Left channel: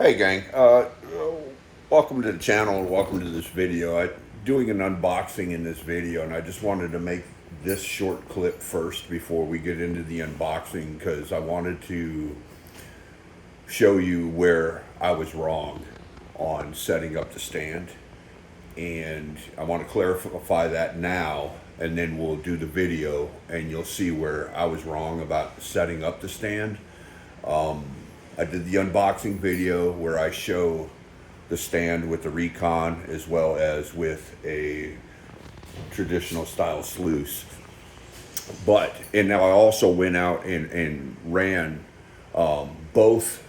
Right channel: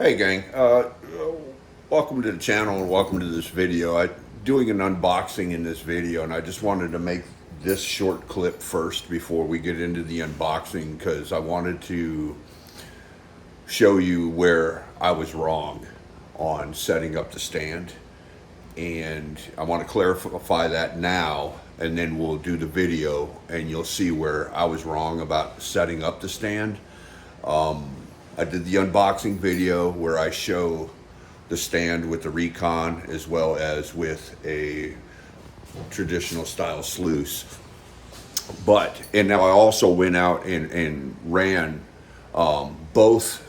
Hey gang, welcome to the channel and welcome to this video. I'm doing an unboxing in this video, and I just wanted to make this short clip first before we get into the unboxing, because I wanted to show you where I was wrong on setting up the stand, and I want to clarify that now, and then we'll do the video and you'll see where I was wrong about setting up the stand. I did the unboxing video where I show the stand with the Recon as well as with a traditional style sluice. And now I also went out and ran both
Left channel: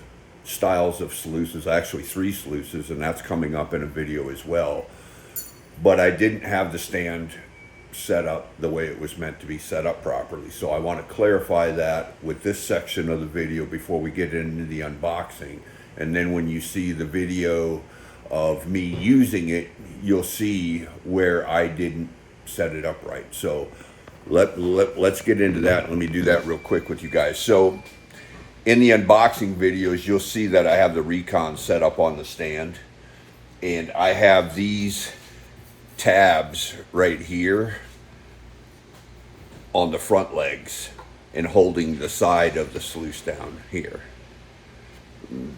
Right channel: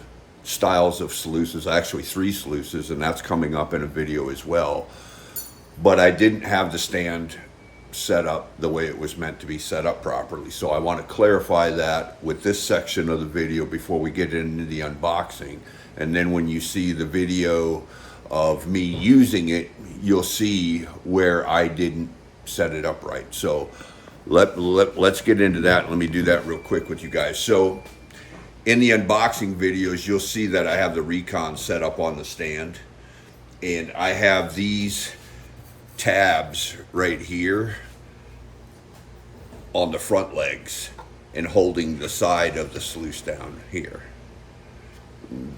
styles of sluices, actually 3 sluices, and that's coming up in a video as well. But I didn't have the stand set up the way it was meant to be set up properly. So I want to clarify that with this section of the video before we get into the unboxing. And then when you see the video of me using it, you'll see where I didn't set it up right. So let's get into that. Let me do that real quick with you guys. So in the unboxing videos, you'll see that I have the Recon set up on the stand, and I have these tabs right here on the front legs and holding the side of the sluice down here.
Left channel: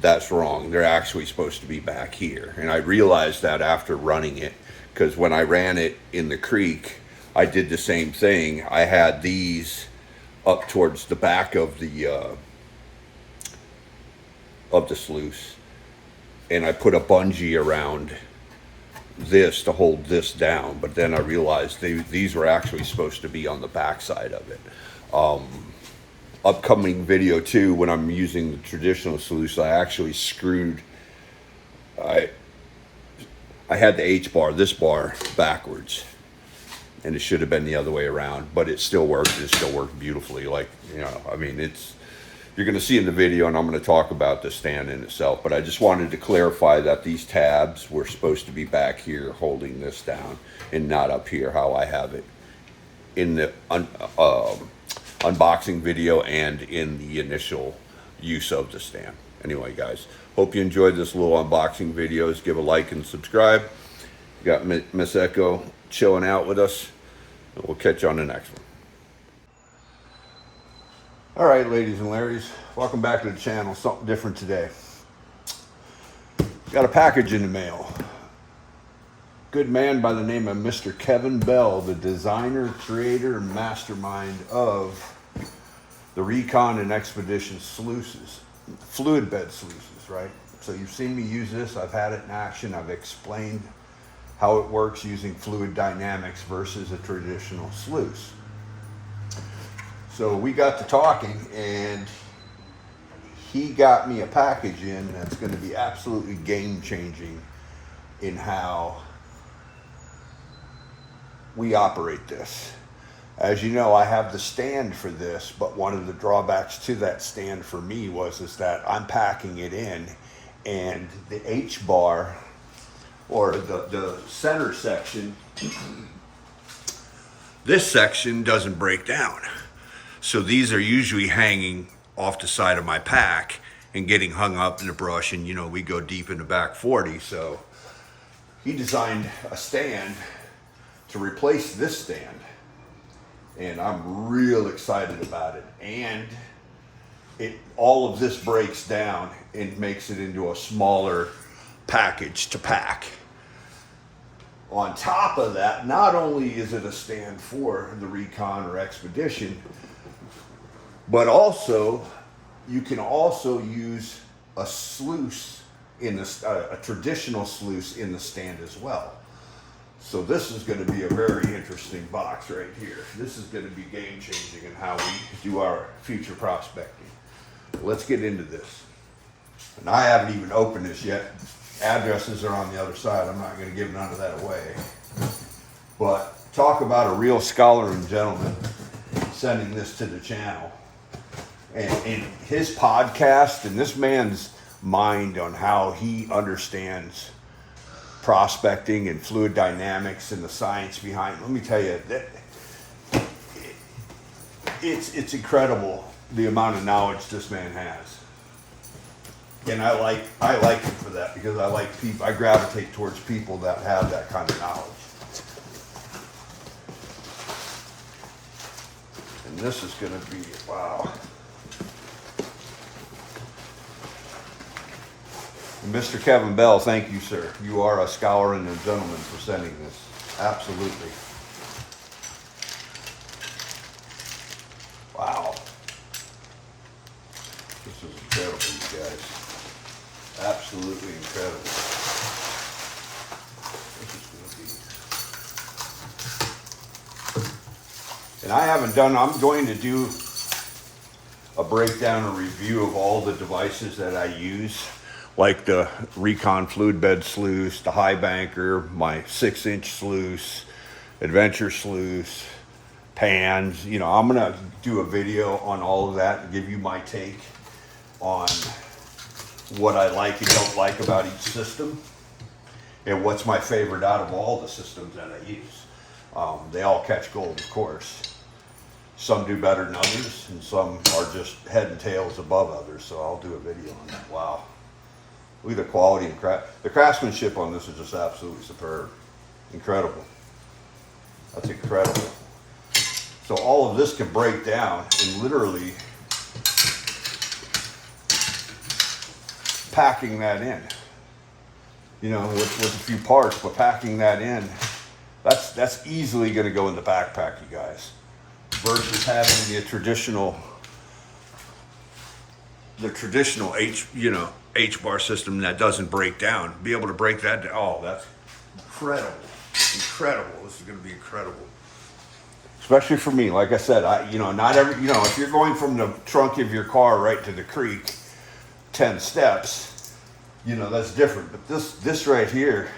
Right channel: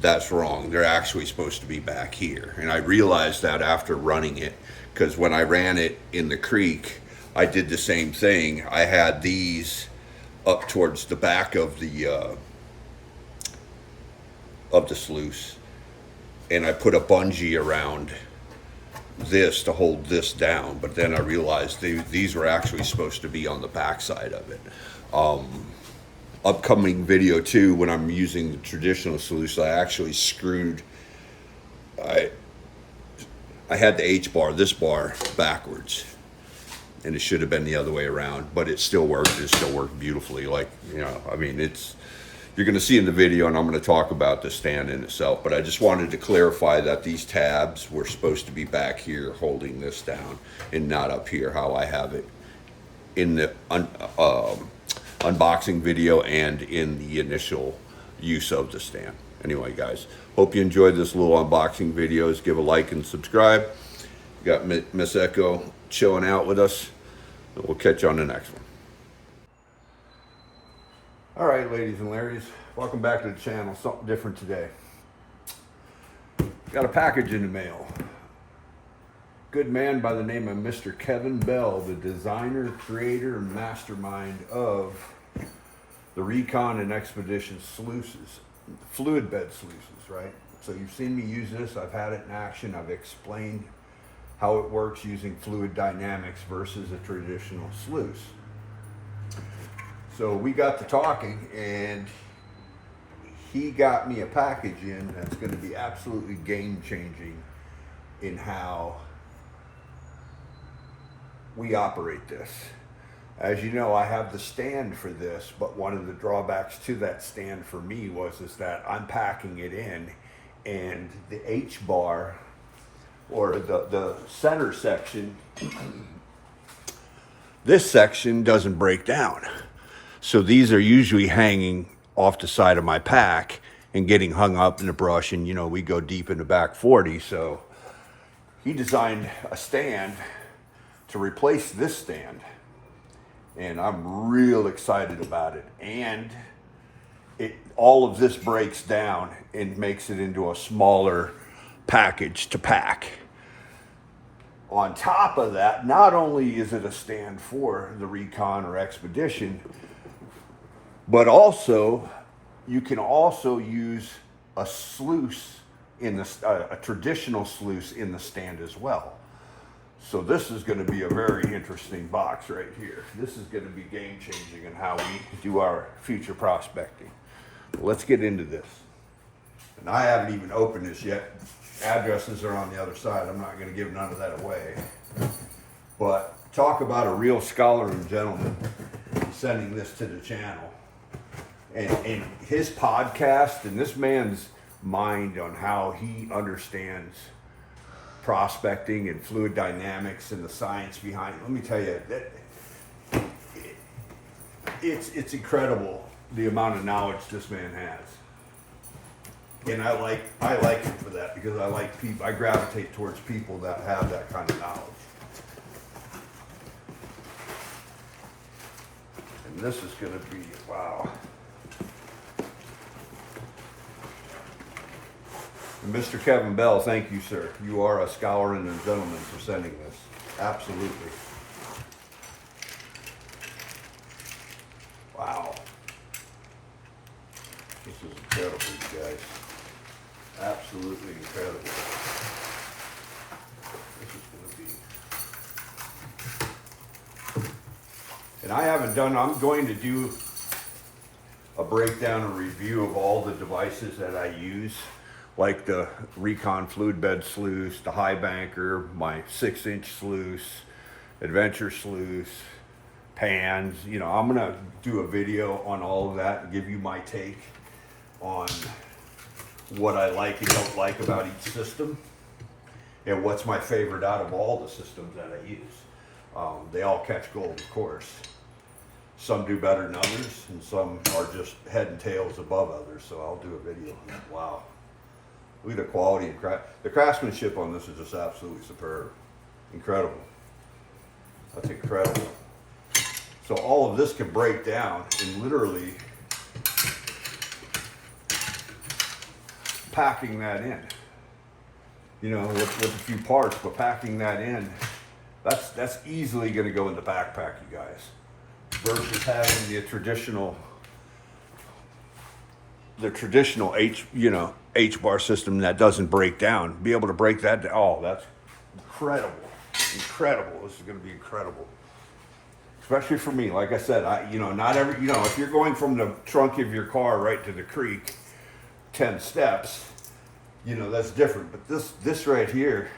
That's wrong. They're actually supposed to be back here, and I realized that after running it, because when I ran it in the creek, I did the same thing. I had these up towards the back of the sluice, and I put a bungee around this to hold this down, but then I realized these were actually supposed to be on the back side of it. Upcoming video too, when I'm using the traditional sluice, I actually screwed, I had the H-bar, this bar, backwards, and it should have been the other way around, but it still worked. It still worked beautifully. Like, you know, I mean, you're going to see in the video, and I'm going to talk about the stand in itself, but I just wanted to clarify that these tabs were supposed to be back here holding this down and not up here how I have it in the unboxing video and in the initial use of the stand. Anyway, guys, hope you enjoyed this little unboxing videos. Give a like and subscribe. We got Miss Echo chilling out with us, and we'll catch you on the next one. All right, ladies and Larrys, welcome back to the channel. Something different today. Got a package in the mail. Good man by the name of Mr. Kevin Bell, the designer, creator, and mastermind of the Recon and Expedition sluices, fluid bed sluices, right? So you've seen me use this. I've had it in action. I've explained how it works using fluid dynamics versus a traditional sluice. So we got to talking, and he got me a package in that's going to be absolutely game-changing in how we operate this. As you know, I have the stand for this, but one of the drawbacks to that stand for me is that I'm packing it in, and the H-bar, or the center section, this section doesn't break down. So these are usually hanging off the side of my pack and getting hung up in the brush, and you know, we go deep in the back 40. So he designed a stand to replace this stand, and I'm real excited about it. And all of this breaks down and makes it into a smaller package to pack. On top of that, not only is it a stand for the Recon or Expedition, but also you can also use a sluice in a traditional sluice in the stand as well. So this is going to be a very interesting box right here. This is going to be game changing in how we do our future prospecting. Let's get into this. And I haven't even opened this yet. Addresses are on the other side. I'm not going to give none of that away. But talk about a real scholar and gentleman sending this to the channel. And his podcast, and this man's mind on how he understands prospecting and fluid dynamics and the science behind it. Let me tell you, that it's incredible the amount of knowledge this man has. And I like it for that, because I like people, I gravitate towards people that have that kind of knowledge. And this is going to be, wow. And Mr. Kevin Bell, thank you, sir. You are a scholar and a gentleman for sending this. Absolutely. Wow. This is incredible, you guys. Absolutely incredible. This is going to be. And I haven't done, I'm going to do a breakdown and review of all the devices that I use, like the Recon fluid bed sluice, the high banker, my 6-inch sluice, adventure sluice, pans. You know, I'm gonna do a video on all of that and give you my take on what I like and don't like about each system, and what's my favorite out of all the systems that I use. They all catch gold, of course. Some do better than others, and some are just head and tails above others, so I'll do a video on that. Wow. Look at the quality and the craftsmanship on this is just absolutely superb. Incredible. That's incredible. So all of this can break down and literally packing that in. You know, with a few parts, but packing that in, that's easily going to go in the backpack, you guys. Versus having the traditional H-bar system that doesn't break down. Be able to break that down. Oh, that's incredible. Incredible. This is going to be incredible. Especially for me. Like I said, not every, if you're going from the trunk of your car right to the creek, 10 steps, that's different. But this right here,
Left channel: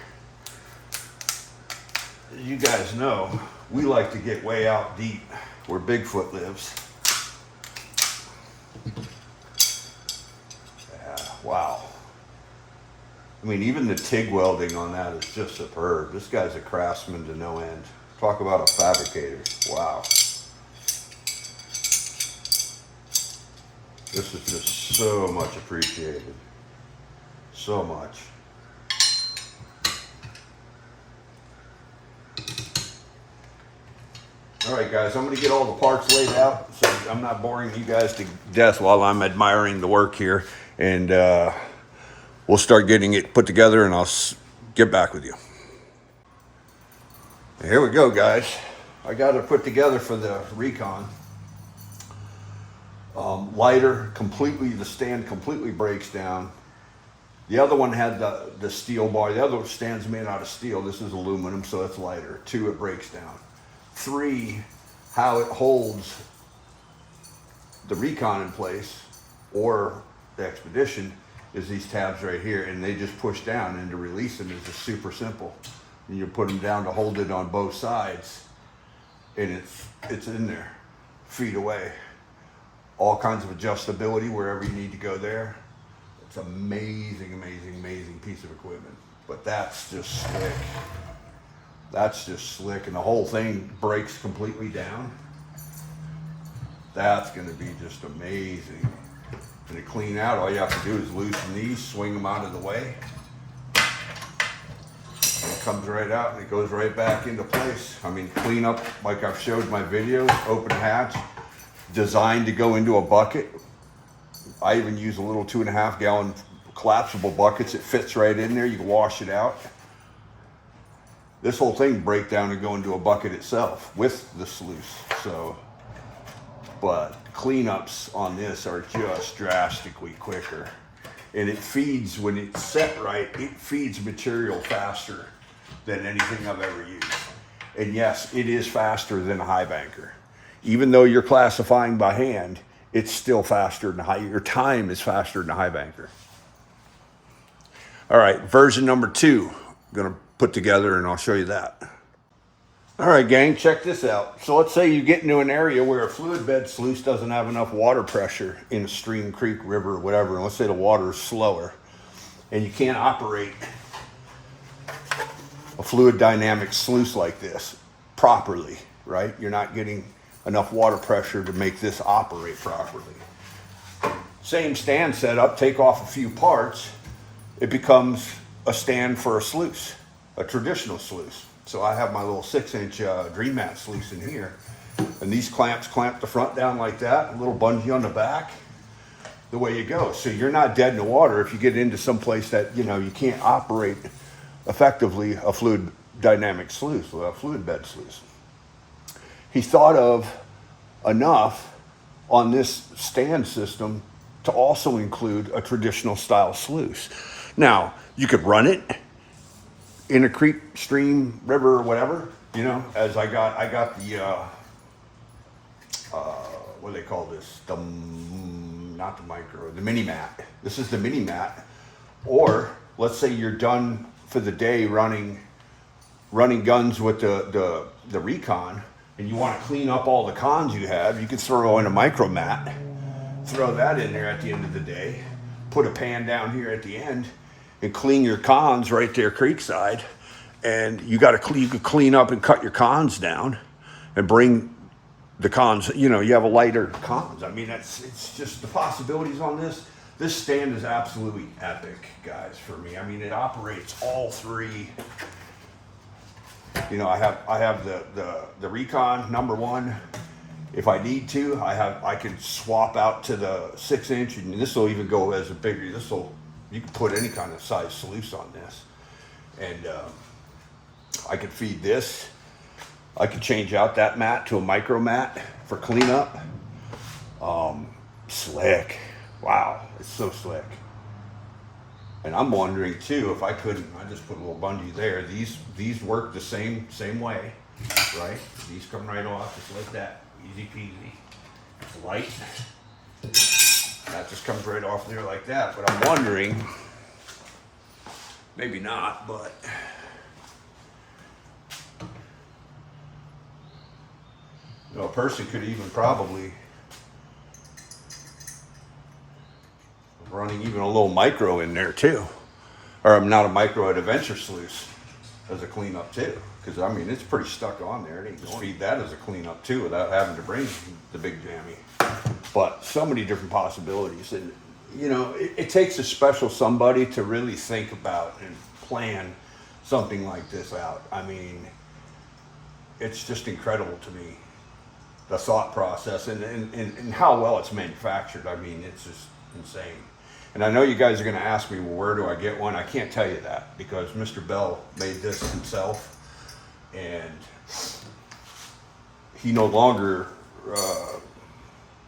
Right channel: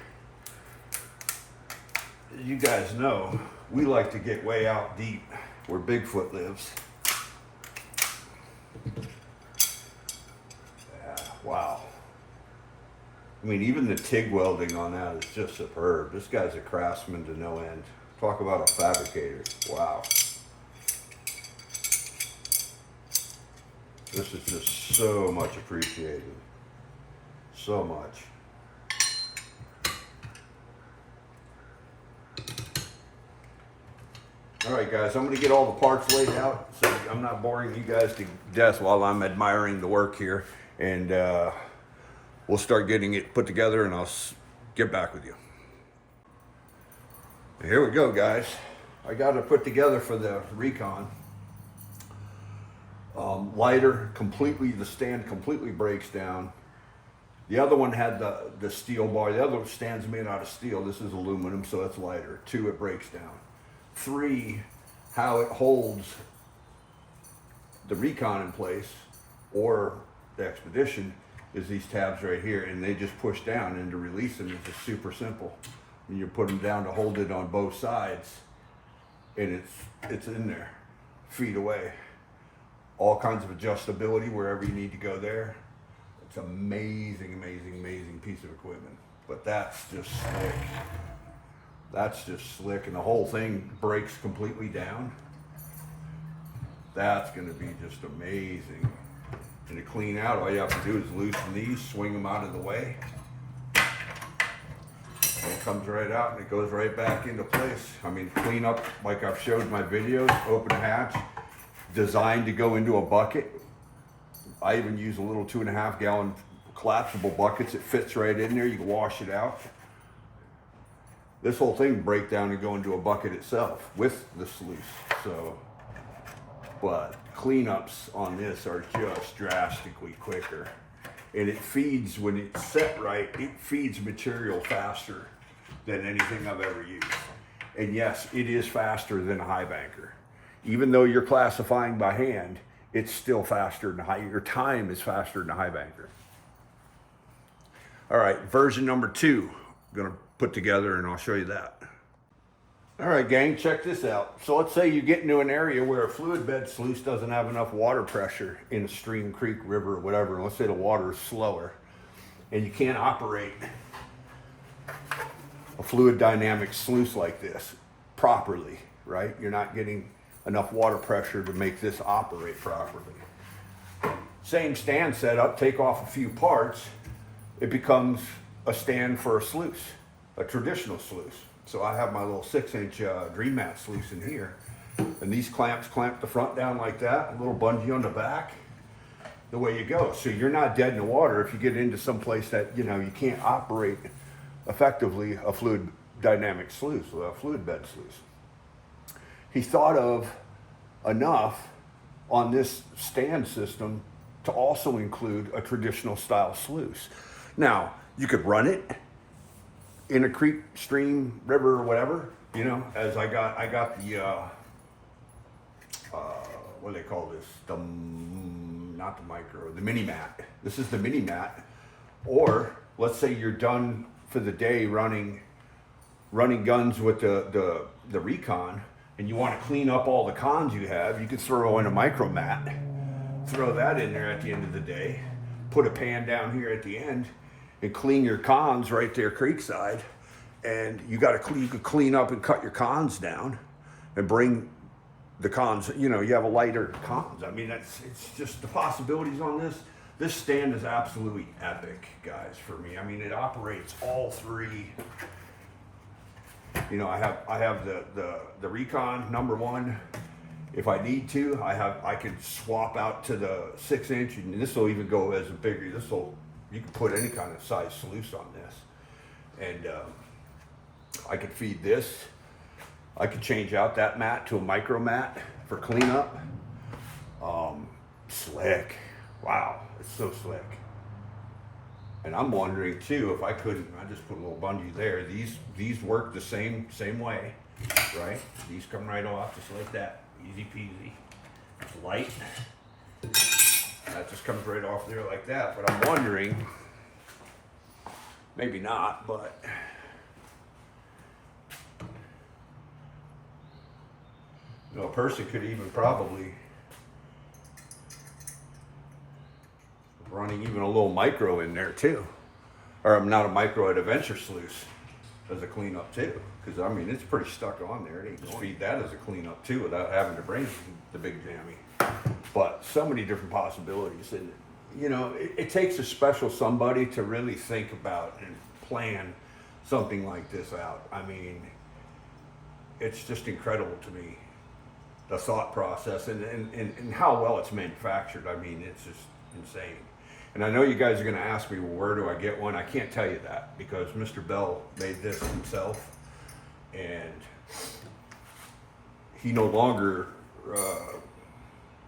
you guys know, we like to get way out deep where Bigfoot lives. Wow. I mean, even the TIG welding on that is just superb. This guy's a craftsman to no end. Talk about a fabricator. Wow. This is just so much appreciated. So much. All right, guys, I'm going to get all the parts laid out so I'm not boring you guys to death while I'm admiring the work here. And we'll start getting it put together, and I'll get back with you. Here we go, guys. I got it put together for the Recon. Lighter, the stand completely breaks down. The other one had the steel bar. The other stand's made out of steel. This is aluminum, so that's lighter. 2, it breaks down. 3, how it holds the Recon in place, or the Expedition, is these tabs right here, and they just push down, and to release them is just super simple. And you put them down to hold it on both sides, and it's in there, feet away. All kinds of adjustability wherever you need to go there. It's amazing, amazing, amazing piece of equipment. But that's just slick. That's just slick, and the whole thing breaks completely down. That's going to be just amazing. And to clean out, all you have to do is loosen these, swing them out of the way. And it comes right out and it goes right back into place. I mean, clean up, like I've showed my videos, open hatch, designed to go into a bucket. I even use a little 2.5 gallon collapsible buckets. It fits right in there. You can wash it out. This whole thing break down and go into a bucket itself with the sluice. So, but cleanups on this are just drastically quicker. And it feeds, when it's set right, it feeds material faster than anything I've ever used. And yes, it is faster than a high banker. Even though you're classifying by hand, it's still faster than your time is faster than a high banker. All right, version number 2, I'm gonna put together, and I'll show you that. All right, gang, check this out. So let's say you get into an area where a fluid bed sluice doesn't have enough water pressure in a stream, creek, river, or whatever, and let's say the water is slower, and you can't operate a fluid dynamic sluice like this properly, right? You're not getting enough water pressure to make this operate properly. Same stand setup, take off a few parts, it becomes a stand for a sluice, a traditional sluice. So I have my little 6-inch Dream Mat sluice in here, and these clamps clamp the front down like that, a little bungee on the back, the way you go. So you're not dead in the water if you get into some place that, you know, you can't operate effectively a fluid dynamic sluice, a fluid bed sluice. He thought of enough on this stand system to also include a traditional style sluice. Now, you could run it in a creek, stream, river, or whatever, you know, as I got the, what do they call this? Not the micro, the mini mat. This is the mini mat. Or let's say you're done for the day running guns with the Recon, and you want to clean up all the cons you have, you could throw in a micro mat, throw that in there at the end of the day, put a pan down here at the end, and clean your cons right there creekside. And you could clean up and cut your cons down and bring the cons, you know, you have a lighter cons. I mean, it's just the possibilities on this. This stand is absolutely epic, guys, for me. I mean, it operates all three. You know, I have the Recon #1. If I need to, I can swap out to the 6-inch, and this will even go as a bigger. You can put any kind of size sluice on this, and I could feed this. I could change out that mat to a micro mat for cleanup. Slick. Wow, it's so slick. And I'm wondering too, if I couldn't, I just put a little bungee there. These work the same way, right? These come right off just like that, easy peasy. It's light. That just comes right off there like that. But I'm wondering, maybe not, but you know, a person could even probably running even a little micro in there too, or not a micro, an adventure sluice as a cleanup too, because I mean it's pretty stuck on there. You can just feed that as a cleanup too without having to bring the big jammy. But so many different possibilities, and you know it takes a special somebody to really think about and plan something like this out. I mean, it's just incredible to me, the thought process and how well it's manufactured. I mean, it's just insane. And I know you guys are going to ask me, well, where do I get one? I can't tell you that because Mr. Bell made this himself, and he no longer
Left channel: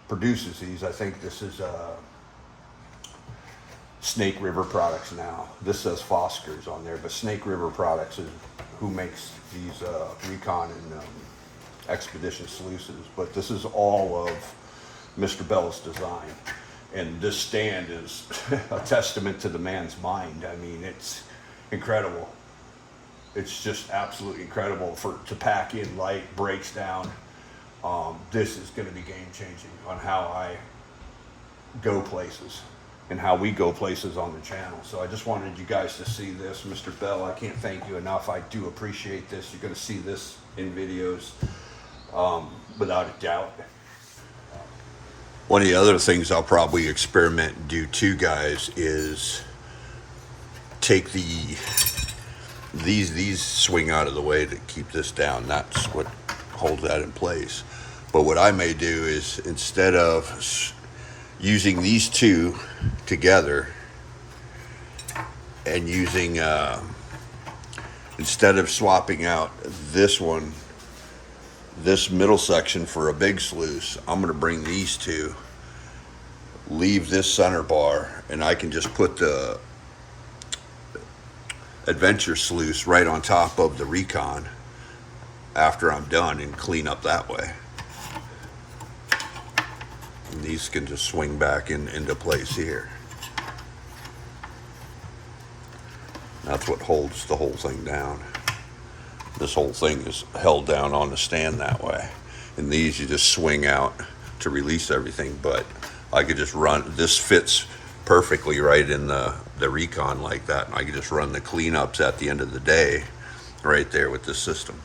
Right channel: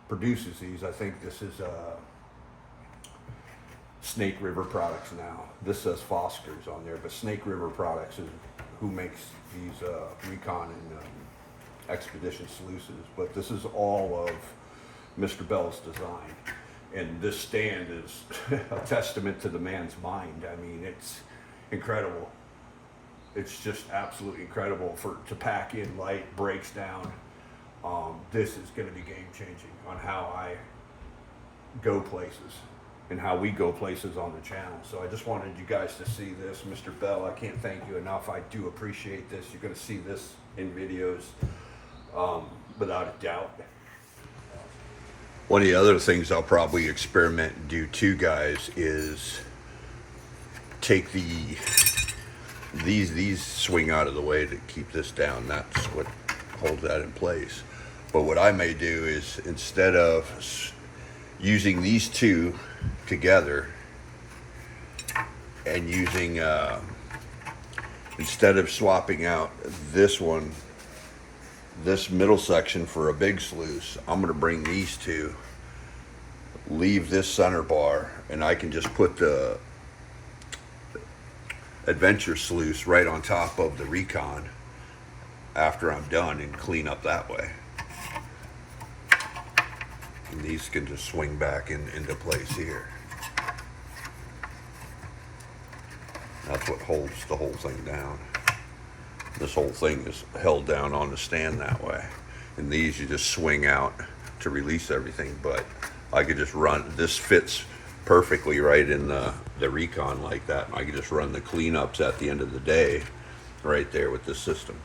produces these. I think this is Snake River Products now. This says Foster's on there, but Snake River Products is who makes these Recon and Expedition sluices. But this is all of Mr. Bell's design. And this stand is a testament to the man's mind. I mean, it's incredible. It's just absolutely incredible to pack in light, breaks down. This is going to be game changing on how I go places and how we go places on the channel. So I just wanted you guys to see this. Mr. Bell, I can't thank you enough. I do appreciate this. You're going to see this in videos without a doubt. One of the other things I'll probably experiment and do too, guys, is take these swing out of the way to keep this down. That's what holds that in place. But what I may do is, instead of using these two together and using, instead of swapping out this one, this middle section for a big sluice, I'm going to bring these two, leave this center bar, and I can just put the adventure sluice right on top of the Recon after I'm done and clean up that way. And these can just swing back into place here. That's what holds the whole thing down. This whole thing is held down on the stand that way. And these you just swing out to release everything. But I could just run, this fits perfectly right in the Recon like that. And I could just run the cleanups at the end of the day right there with this system.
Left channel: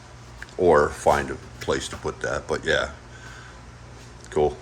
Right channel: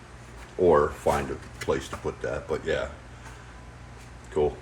Or find a place to put that. But yeah, cool.